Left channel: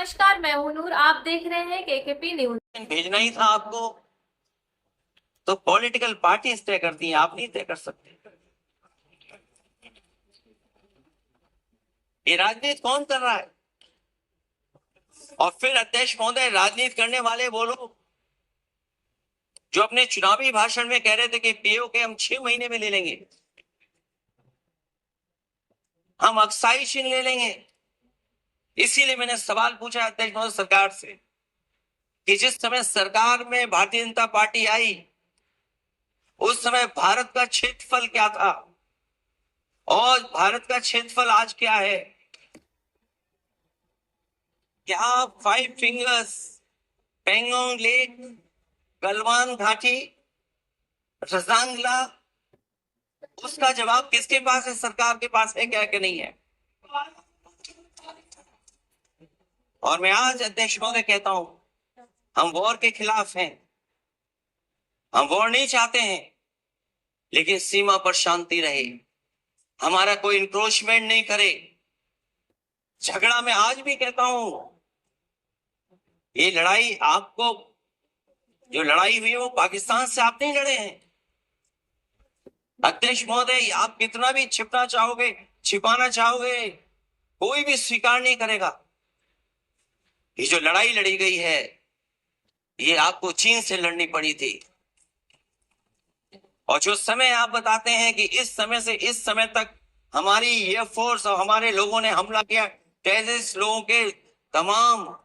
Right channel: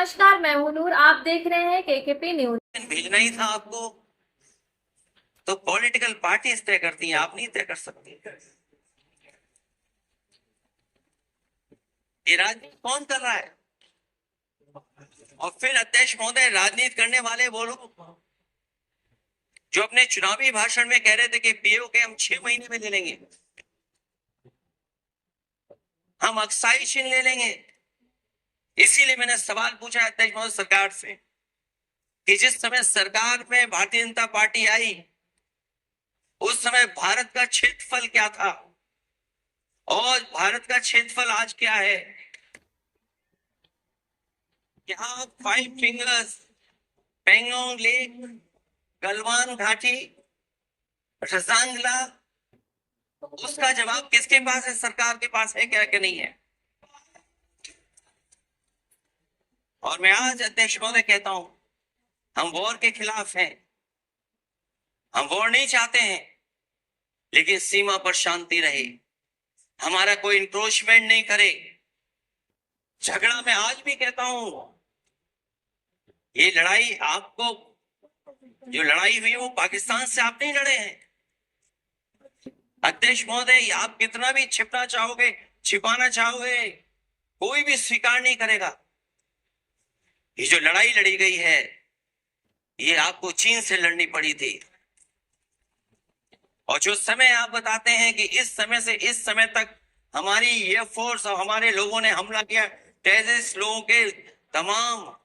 नमस्कार, मैं हूं नूर। आप देख रहे हैं केकेपी न्यूज। भेजना ही था आपको, तो पॉलिटिकल पार्टी तय करती हैं, आप नहीं तय कर सकते। ये राजनीति कौन कर रहा है? और फिर अध्यक्ष महोदय, राजनीति करने वाले वो लोग जो अपने चुनावी भाषण में कह रहे थे कि पीओके हम 6 महीने में ले लेंगे, हम अक्साई छीन ले लेंगे। इसीलिए मैंने सवाल पूछा अध्यक्ष महोदय सरकार से कि जिस समय सरकार में भारतीय जनता पार्टी आई, उस समय भारत का क्षेत्रफल क्या था और भारत का क्षेत्रफल आज क्या है? क्या 5 फिंगर्स, पेंगोंग लेक, गलवान घाटी, रजांगला, उसका जवाब किसके पास है? सरकार के पास है क्या कि नहीं है? और मैं आज अध्यक्ष महोदय कहता हूं, हम वॉर के खिलाफ हैं, हम वॉर नहीं चाहते हैं, लेकिन सीमा पर शांति रहे, हमारा कोई इंक्रोचमेंट नहीं करे। झगड़ा मैं आज भी कहता हूं, ये लड़ाई आपको, जो लड़ाई हुई वो पाकिस्तान से आप नहीं लड़े हैं। अध्यक्ष महोदय, आप कितना भी छिपना चाहोगे, छिपाना चाहोगे, कोई भी स्वीकार नहीं करेगा। ये जो लड़ाई लड़ी गई है, ये आपको चीन से लड़नी पड़ी थी। और जो समय आप बताते हैं कि इस समय से इस समय तक हमारी एयरफोर्स और हमारे लोगों ने हमला किया, टेररिस्ट लोगों के तमाम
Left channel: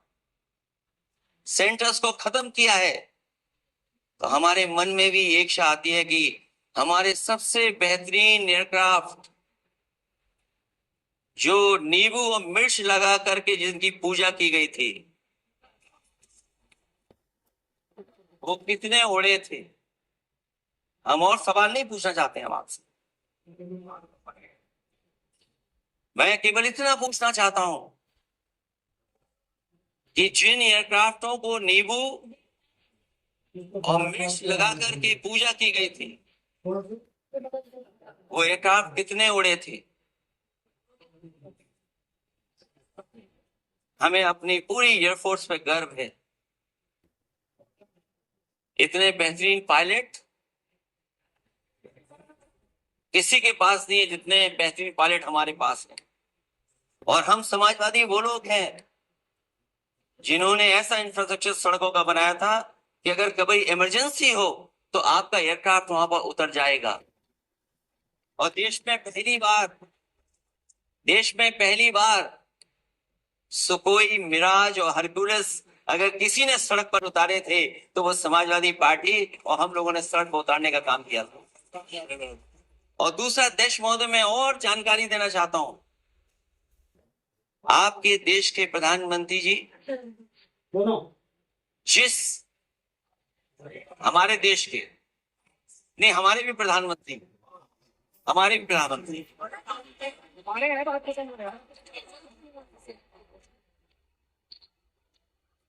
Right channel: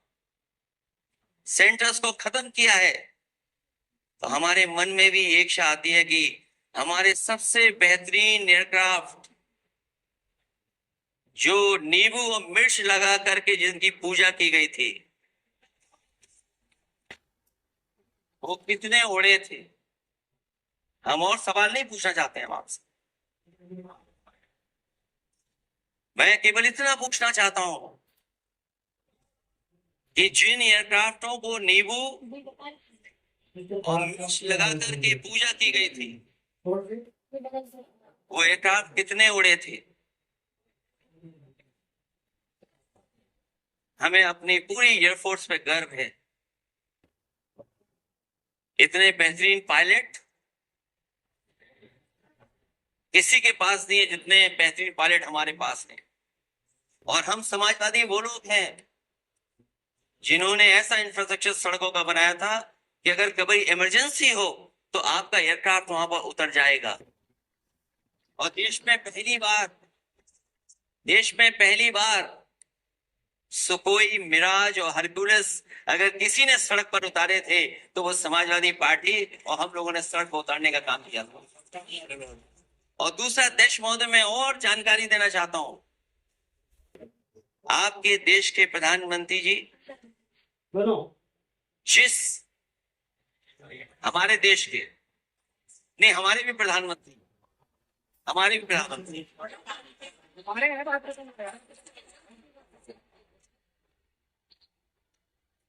सेंटर्स को खत्म किया है, तो हमारे मन में भी एक इच्छा आती है कि हमारे सबसे बेहतरीन एयरक्राफ्ट, जो नींबू और मिर्च लगा करके जिनकी पूजा की गई थी, वो कितने उड़े थे? हम और सवाल नहीं पूछना चाहते हैं आपसे, मैं केवल इतना पूछना चाहता हूं कि जिन एयरक्राफ्टों को नींबू और मिर्च लगा करके पूजा की गई थी, वो एयरक्राफ्ट कितने उड़े थे? हमें अपनी पूरी एयरफोर्स पे गर्व है। इतने बेहतरीन पायलट किसी के पास नहीं है जितने बेहतरीन पायलट हमारे पास हैं। और हम समाजवादी वो लोग हैं जिन्होंने ऐसा इंफ्रास्ट्रक्चर सड़कों का बनाया था कि अगर कभी इमरजेंसी हो तो आपका एयरक्राफ्ट वहां पर उतर जाएगा। और देश में पहली बार सुकोई, मिराज और हरकुलस अगर किसी ने सड़क पर उतारे थे तो वो समाजवादी पार्टी और हम लोगों ने सड़क पर उतारने का काम किया था। और दूसरा, देश महोदय, मैं और जानकारी देना चाहता हूं, आपके देश के प्रधानमंत्री जी जिस हमारे देश के नहीं, हमारे भी प्रधानमंत्री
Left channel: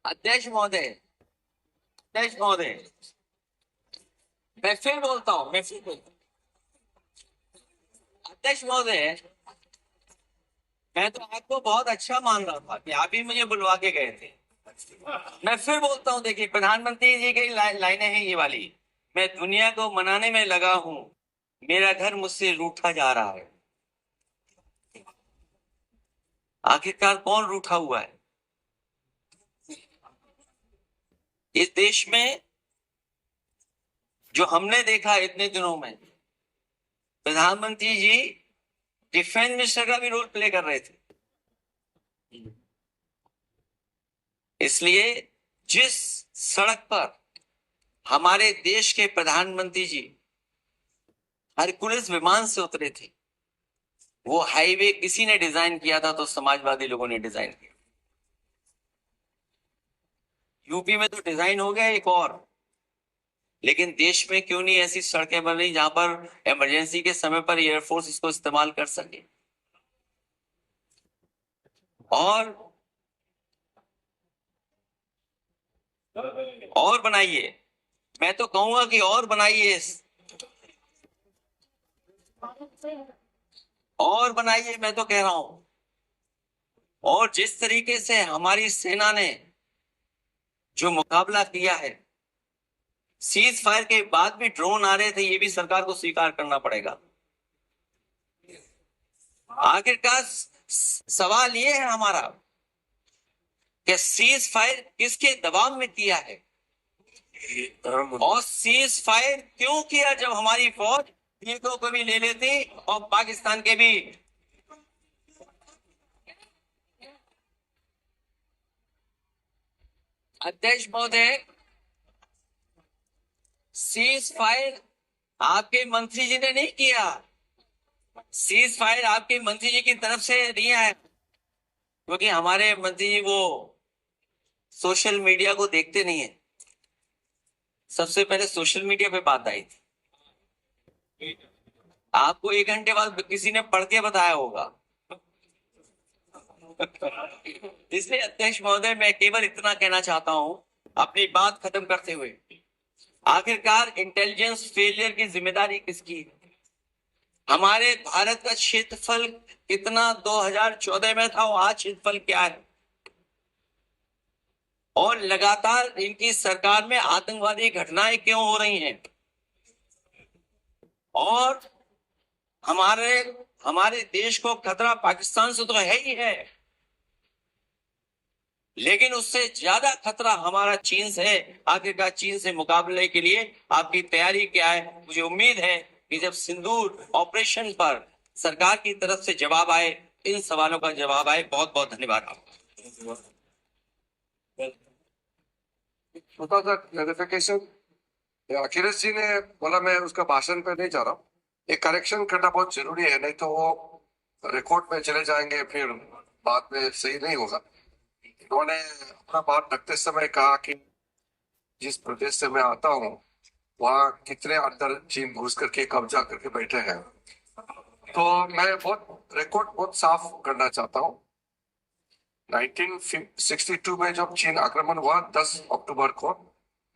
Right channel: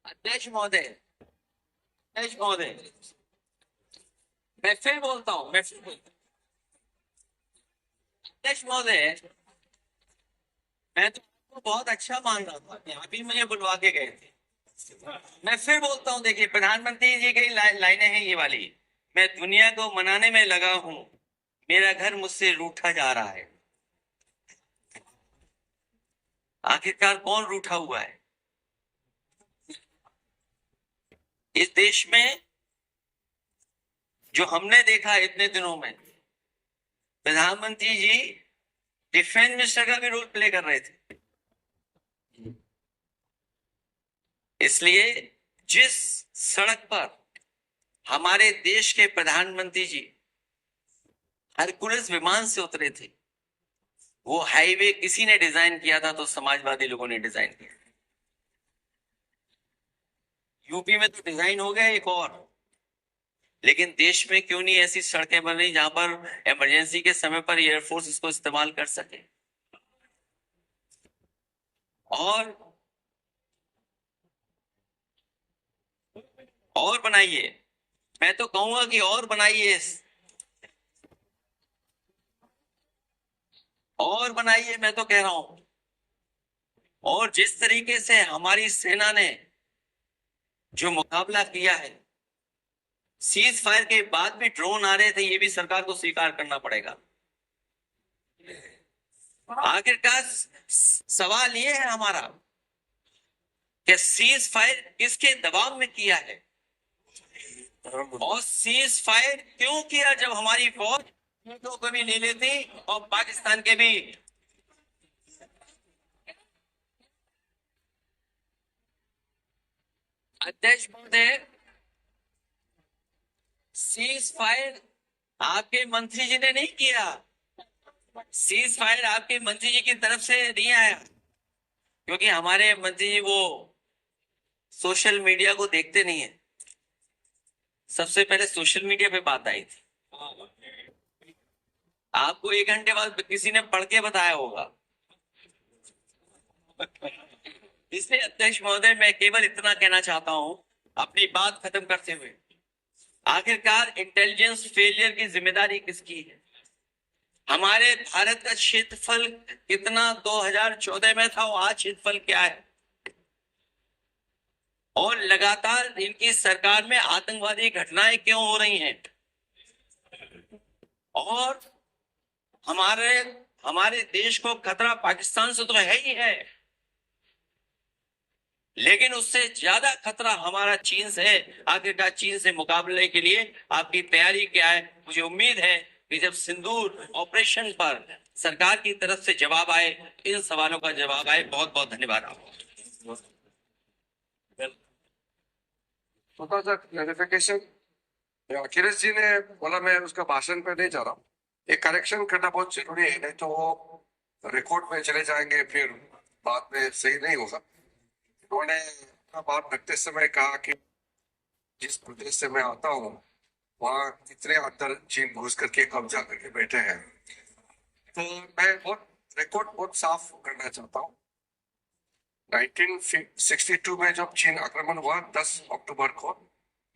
अध्यक्ष महोदय, मैं फिर बोलता हूं, अध्यक्ष महोदय, मैं तो आपको बहुत अच्छा मान रहा था कि आप ही मुझे बुलवा के गए थे। मैं फिर बोलता हूं, देखिए प्रधानमंत्री जी की लाइनें हैं ये वाली, मैं दुनिया को मनाने में लगा हूं, मेरा घर मुझसे रूठा जा रहा है। आखिरकार कौन रूठा हुआ है इस देश में? जो हमने देखा इतने दिनों में, प्रधानमंत्री जी डिफेंस मिनिस्टर का भी रोल प्ले कर रहे थे। इसलिए जिस सड़क पर हमारे देश के प्रधानमंत्री जी हरकुलस विमान से उतरे थे, वो हाईवे किसी ने डिजाइन किया था? तो समाजवादी लोगों ने डिजाइन किया। यूपी में तो डिजाइन हो गया एक और, लेकिन देश में क्यों नहीं ऐसी सड़कें बन रही जहां पर इमरजेंसी के समय पर एयरफोर्स इसको इस्तेमाल कर सके? और बनाइए, मैं तो कहूंगा कि और बनाइए, और बनाइए, मैं तो कह रहा हूं और जिस तरीके से हमारी सेना ने जो मुकाबला किया है, सीज फायर के बाद भी ड्रोन आ रहे थे, ये भी सरकार को स्वीकार करना पड़ेगा। आखिरकार सवाल ये है हमारा कि सीज फायर किसके दबाव में किया है, और सीज फायर क्यों किया जब हमारी फौज पीड़ितों को भी ले लेती और पाकिस्तान के भी। अध्यक्ष महोदय, सीज फायर आपके मंत्री जी ने नहीं किया, सीज फायर आपके मंत्री जी की तरफ से नहीं आया, क्योंकि हमारे मंत्री जी वो सोशल मीडिया को देखते नहीं है। सबसे पहले सोशल मीडिया पे बात आई थी, आपको 1 घंटे बाद किसी ने पढ़ के बताया होगा। इसलिए अध्यक्ष महोदय, मैं केवल इतना कहना चाहता हूं अपनी बात खत्म करते हुए, आखिरकार इंटेलिजेंस फेलियर की जिम्मेदारी किसकी है? हमारे भारत का क्षेत्रफल कितना 2014 में था और आज क्षेत्रफल क्या है? और लगातार इनकी सरकार में आतंकवादी घटनाएं क्यों हो रही हैं? और हमारे देश को खतरा पाकिस्तान से तो है ही है, लेकिन उससे ज्यादा खतरा हमारा चीन से है। आखिरकार चीन से मुकाबले के लिए आपकी तैयारी क्या है? मुझे उम्मीद है कि जब सिंदूर ऑपरेशन पर सरकार की तरफ से जवाब आए, इन सवालों का जवाब आए। बहुत बहुत धन्यवाद आपका। छोटा सा क्लैरिफिकेशन, अखिलेश जी ने बोला, मैं उसका भाषण पे नहीं जा रहा हूँ, एक करेक्शन करना बहुत जरूरी है, नहीं तो वो रिकॉर्ड में चले जाएंगे, फिर बाद में सही नहीं होगा। उन्होंने अपना बात रखते समय कहा कि जिस प्रदेश से मैं आता हूँ वहाँ कितने अंदर चीन घुस करके कब्जा करके बैठे हैं, तो मैं रिकॉर्ड बहुत साफ करना चाहता हूँ। 1962 में जब चीन आक्रमण हुआ 10 अक्टूबर को,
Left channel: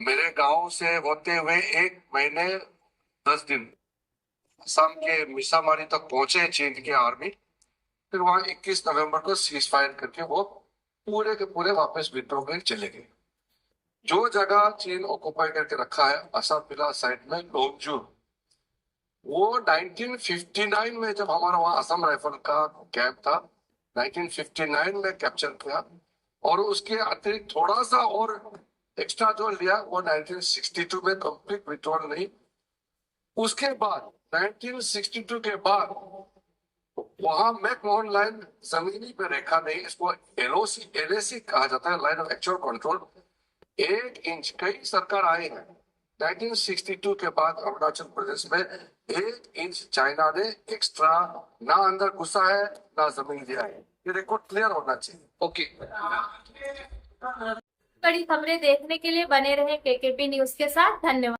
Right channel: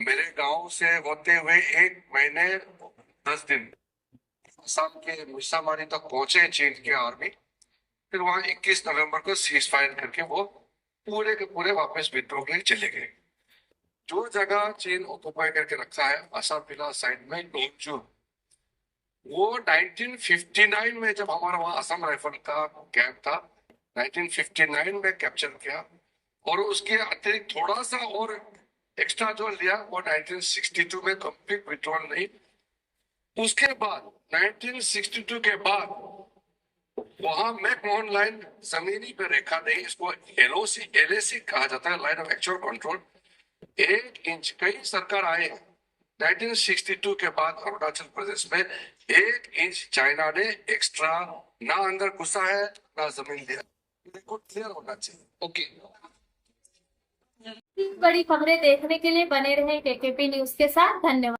मेरे गांव से होते हुए 1 महीने 10 दिन असम के मिसामारी तक पहुंचे चीन की आर्मी, फिर वहां 21 नवंबर को सीज फायर करके वो पूरे के पूरे वापस विद्रोह के लिए चले गए। जो जगह चीन ऑक्युपाई करके रखा है असम जिला साइड में लोंगजू, वो 1959 में जब हमारा वहां असम राइफल का कैंप था, 1959 में कैप्चर किया, और उसके अतिरिक्त थोड़ा सा और एक्स्ट्रा जो लिया वो 1962 में कंप्लीट विड्रॉल नहीं। उसके बाद 1962 के बाद वहां मैकमोहन लाइन जमीनी पे रेखा नहीं, इसको LAC कहा जाता है, line of actual control. 1 inch, कई सरकार आए हैं 1962 के बाद अरुणाचल प्रदेश में 1 इंच चाइना ने एक्स्ट्रा ना अंदर घुसा है ना जमीन दिया है, ये रिकॉर्ड क्लियर होना चाहिए। ओके, बड़ी खबरें देखने के लिए बने रहें KKP न्यूज के साथ। धन्यवाद।